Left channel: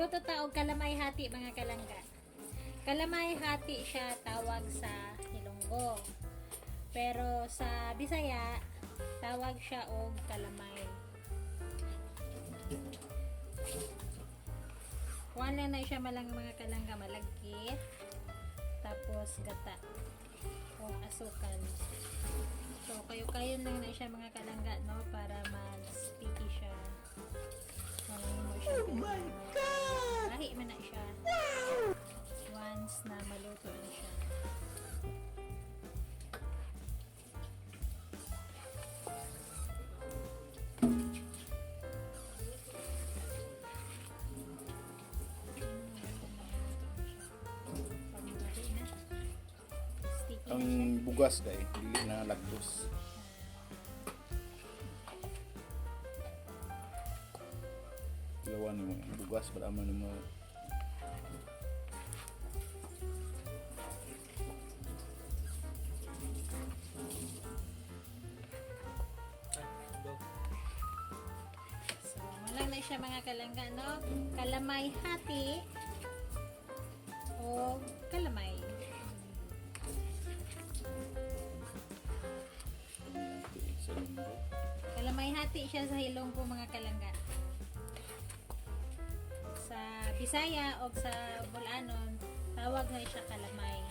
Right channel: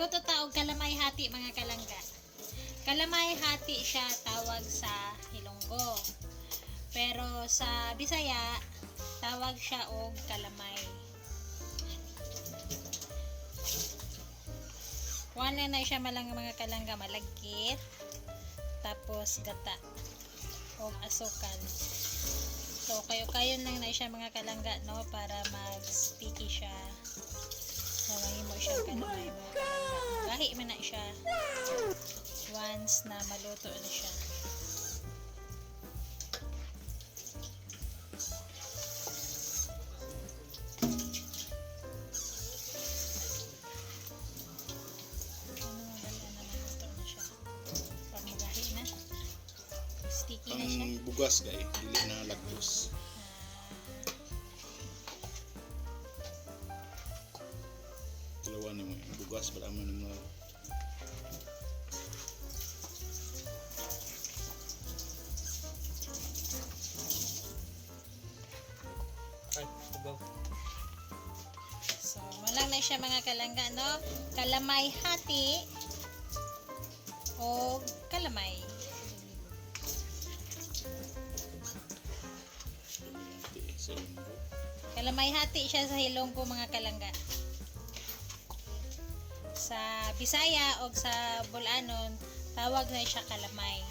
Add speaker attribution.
Speaker 1: Magluto ta og kalamay hati mga kalangga. Kalamay hati siya tawag sa Hilonggo. Pero sa Bisaya tawag siya og kalamay. Wala na siya malang mga kalangga malagkit. Tapos gata o asukal. So kayo-kayo lang na siya mga kalangga no para mag-sticky siya. So oh my god! Lahi man na siya. Once na maluto na siya.
Speaker 2: Ang bugas kay dili na lagtos. Dalawa mo bugas bala mo ni mo.
Speaker 1: Na siya mga kalangga, no? Kalamay hati o kalamay. Kalamay hati siya sa hilong po mga kalangga. Sa Bisaya o sa Bulanon, tawag na siya kalamay.